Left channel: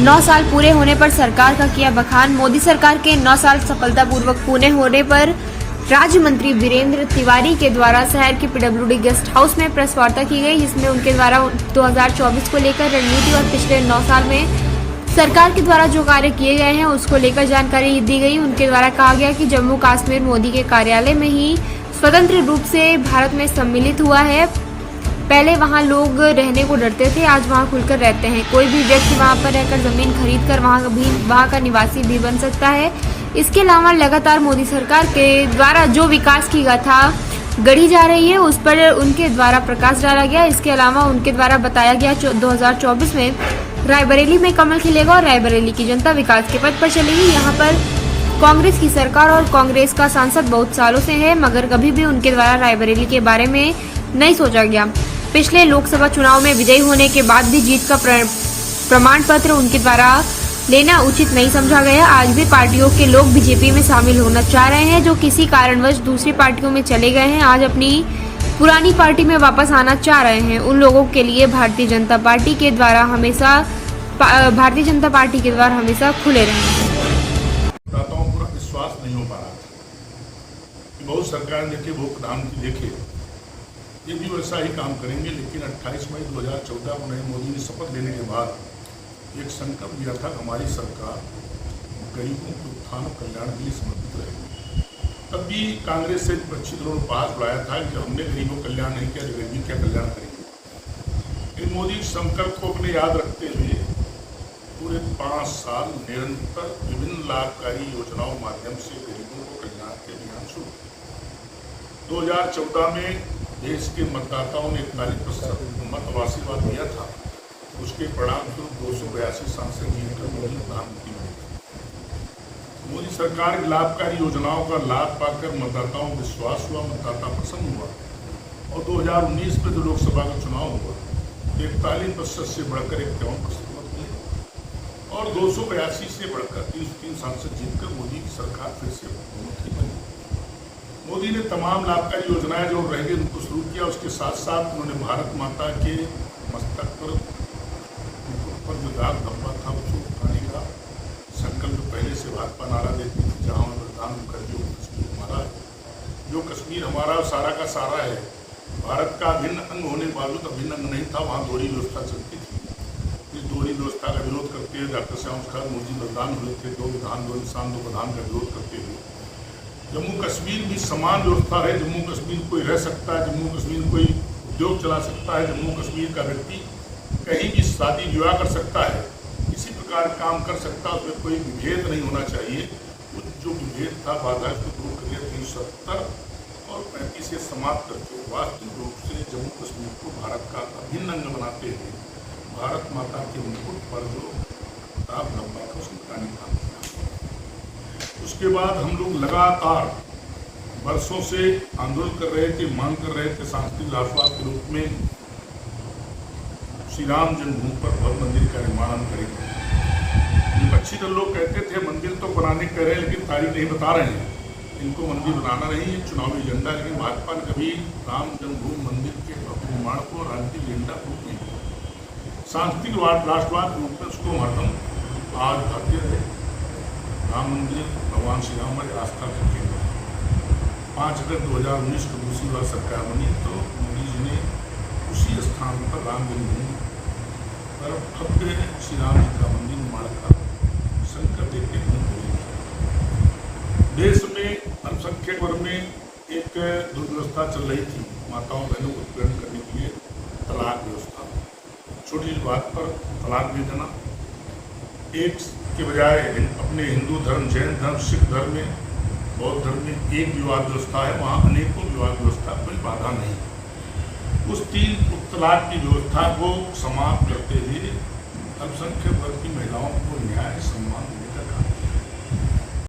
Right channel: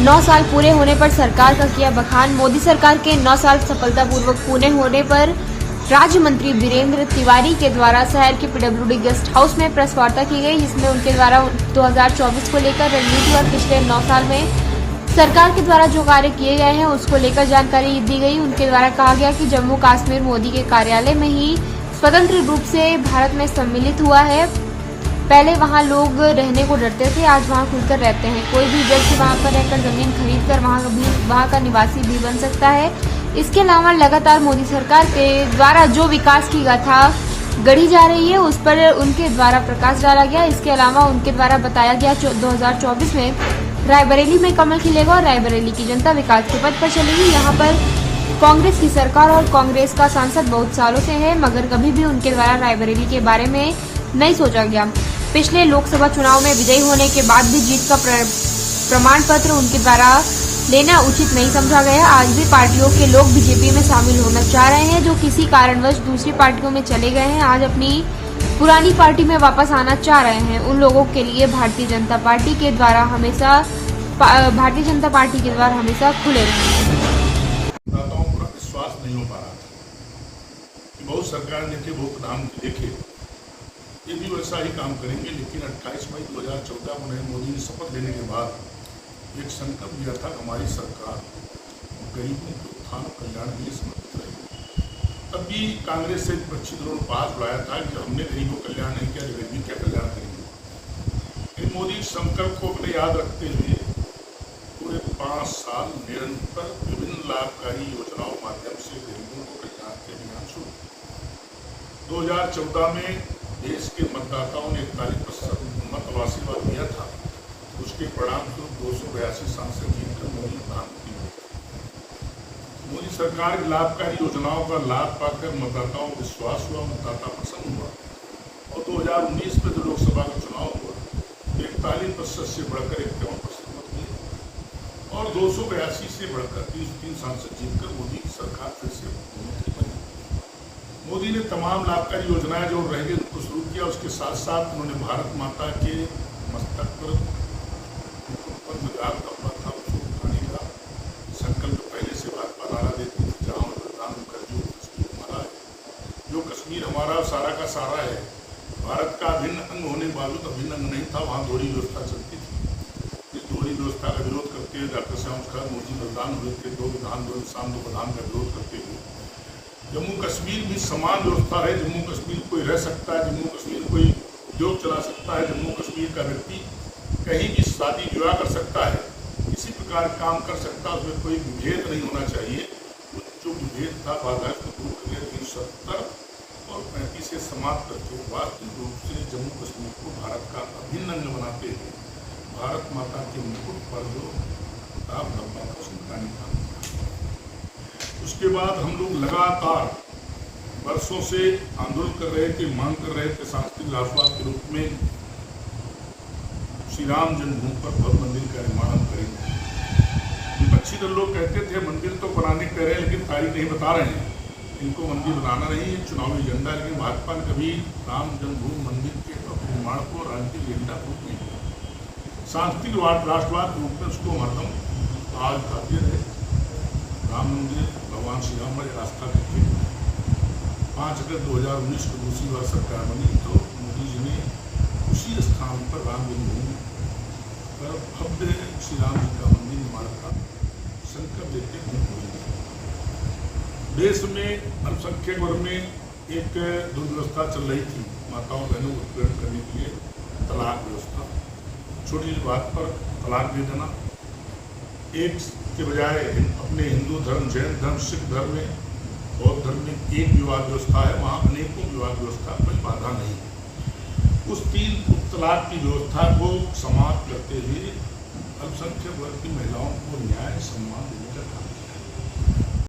9 साल पूरे होने पर सरकार का किया बखान। मोदी सरकार के 9 साल सफलतापूर्वक पूरे होने पर राज्य मंत्री वीरेंद्र तिवारी के द्वारा शहर के पीडब्ल्यूडी गेस्ट हाउस में प्रेस वार्ता की गई, जिसमें उनके द्वारा 2024 को लेकर रणनीति और पिछले 9 साल में सरकार के द्वारा जो कार्य किए गए हैं उसको लेकर जानकारी दी गई। उनके द्वारा कहा गया कि जम्मू कश्मीर मोदी के कार्यालय में ही स्वतंत्र रूप से भारत में सम्मिलित हुआ है। पहले वहां लोग रहने को डरते थे, आज वहां खुलकर रहते हैं। कोई भी व्यक्ति वहां पर रहकर जमीन खरीदकर वहां का निवासी भी बन सकता है। इसके अलावा लगातार मोदी सरकार के द्वारा जो विकास की गाथा गढ़ी जा रही है उस पर उनके द्वारा प्रकाश डाला गया। इसके अलावा उनके द्वारा बताया गया 2024 में रायबरेली में कमल खिलेगा और रायबरेली की जनता विकास के पथ पर चलेगी। यहाँ पर कांग्रेस की सरकार और कांग्रेस का सांसद बहुत सालों से है, मगर कभी भी उनके द्वारा रायबरेली के बारे में नहीं सोचा गया। पिछले लोकसभा चुनाव में विजयी होने के बाद भी जीत का प्रमाण पत्र उनके द्वारा लेना उचित नहीं समझा गया। आज भी पार्टियों के लोग बीजेपी में शामिल होना चाह रहे हैं, जो किसी कारणवश दूसरी पार्टियों में चले गए हैं, आज अपनी पुरानी पार्टी में वापस आना चाह रहे हैं। उन लोगों के लिए भारतीय जनता पार्टी के द्वार हमेशा खुले रहेंगे। पूरा विश्वास नहीं हो पा रहा था कि बहुत सरकार देखे, बहुत प्रधानमंत्री देखे, ये भी वैसा ही काम करेंगे। लेकिन 28 मई 2014 को नरेंद्र मोदी ने शपथ लेने के बाद एक संकल्प दिया था कि हमारी सरकार गरीबों के उत्थान और कल्याण के लिए समर्पित रहेगी। तब भी कांग्रेस से विपक्षी दलों ने पास बढ़ाया था कि हमने गरीबों का कल्याण नहीं किया, गरीबी क्या कल्याण करेंगे। इन मोदी संकल्प को अपने याद रखते हुए पूरे 5 साल निरंतर विभिन्न लाभकारी योजनाओं के माध्यम से गरीबों को कल्याण के अभियान शुरू। 2014 में देश के मतदाताओं ने 41% मत और आशीर्वाद दिया था। उसके परिणाम स्वरूप 282 सांसद जीतकर मोदी प्रधानमंत्री बने। मोदी सरकार की लाभकारी योजनाओं का लाभ पाकर मतदाताओं को विश्वास हुआ, मतदाता प्रसन्न हुआ और 2019 में जो लोकसभा का चुनाव हुआ 41% से बढ़कर 51% मत मिले और 282 से बढ़कर 303 सांसद जीतकर मोदी की सरकार फिर से मुख्यमंत्री बनी। मोदी ने तमाम लाभकारी योजनाएं जो रहेंगे उनको शुरू किया। उसके साथ साथ उन्होंने भारत माता के मस्तक पर जो दाग धब्बा था उसको उठाने का संकल्प पहले से भाजपा नारा देती थी, जहाँ प्रधान कर जो कश्मीर हमारा है, जो कश्मीर हमारा सारा का सारा है। भारत का अभिन्न अंग होने के बावजूद अभिन्न अंग नहीं था, वहाँ दोहरी व्यवस्था चलती थी। इस दोहरी व्यवस्था का विरोध करते हुए डॉक्टर श्यामा प्रसाद मोदी बलिदान हुए थे। 2 विधान 2 निशान 2 प्रधान का विरोध करते हुए जम्मू कश्मीर भी समान व्यवस्था है। जम्मू कश्मीर कोई रह सकता है, जम्मू कश्मीर कोई उद्योग चला सकता है, जम्मू कश्मीर का व्यक्ति कहीं भी शादी विवाह कर सकता है, इसी प्रकार काम कर सकता है। उसमें कोई विभेद नहीं होना चाहिए। जो विभेद था बाधा को दूर कर लिया 370 और 35 से समाप्त करके वास्तविक रूप से जम्मू कश्मीर को भारत का अभिन्न अंग बनाते हुए भारत माता के मुकुट पर जो दाग धब्बा था उसको मिटाने का। उसके बाद हम लोग लगातार वर्षों से आंदोलन कर रहे थे, मांग कर रहे थे सांस्कृतिक राष्ट्रवाद के रूप में श्री राम जन्मभूमि पर भव्य मंदिर का निर्माण हम करेंगे। विपक्षी दल लोग कहते थे मंदिर तो बनाने कह रहे हैं लेकिन तारीख नहीं बता रहे हैं, इनको मंदिर बनाना नहीं है चुनावी एजेंडा। लेकिन भाजपा ने कभी राम जन्मभूमि मंदिर के निर्माण को राजनीतिक एजेंडा रूप नहीं दिया। सांस्कृतिक राष्ट्रवाद के रूप में उसको हरदम आज भारतीय रहे। राम मंदिर भगवान श्री राम हमारी आस्था करके 5 अगस्त 2019 को दूसरी बार सरकार बनी तो मोदी जी ने उसी स्थान पर राम जन्मभूमि पर भव्य श्री राम जी का मंदिर निर्माण का संकल्प देते हुए देश में अल्पसंख्यक वर्ग में एक दुर्व्यवस्था चल रही थी। माताओं बहनों को उत्पीड़न करने के लिए तलाक व्यवस्था, छोटी बात पर तलाक दे देना, एक के बजाय अपने हिंदू धर्म, जैन धर्म, सिख धर्म में, बौद्ध धर्म में एक विवाह व्यवस्था है, वहाँ अनेकों विवाह व्यवस्था कोई बाधा नहीं है। उस 3 तलाक की व्यवस्था को समाप्त करते हुए अल्पसंख्यक वर्ग की महिलाओं को न्याय सम्मान देने का काम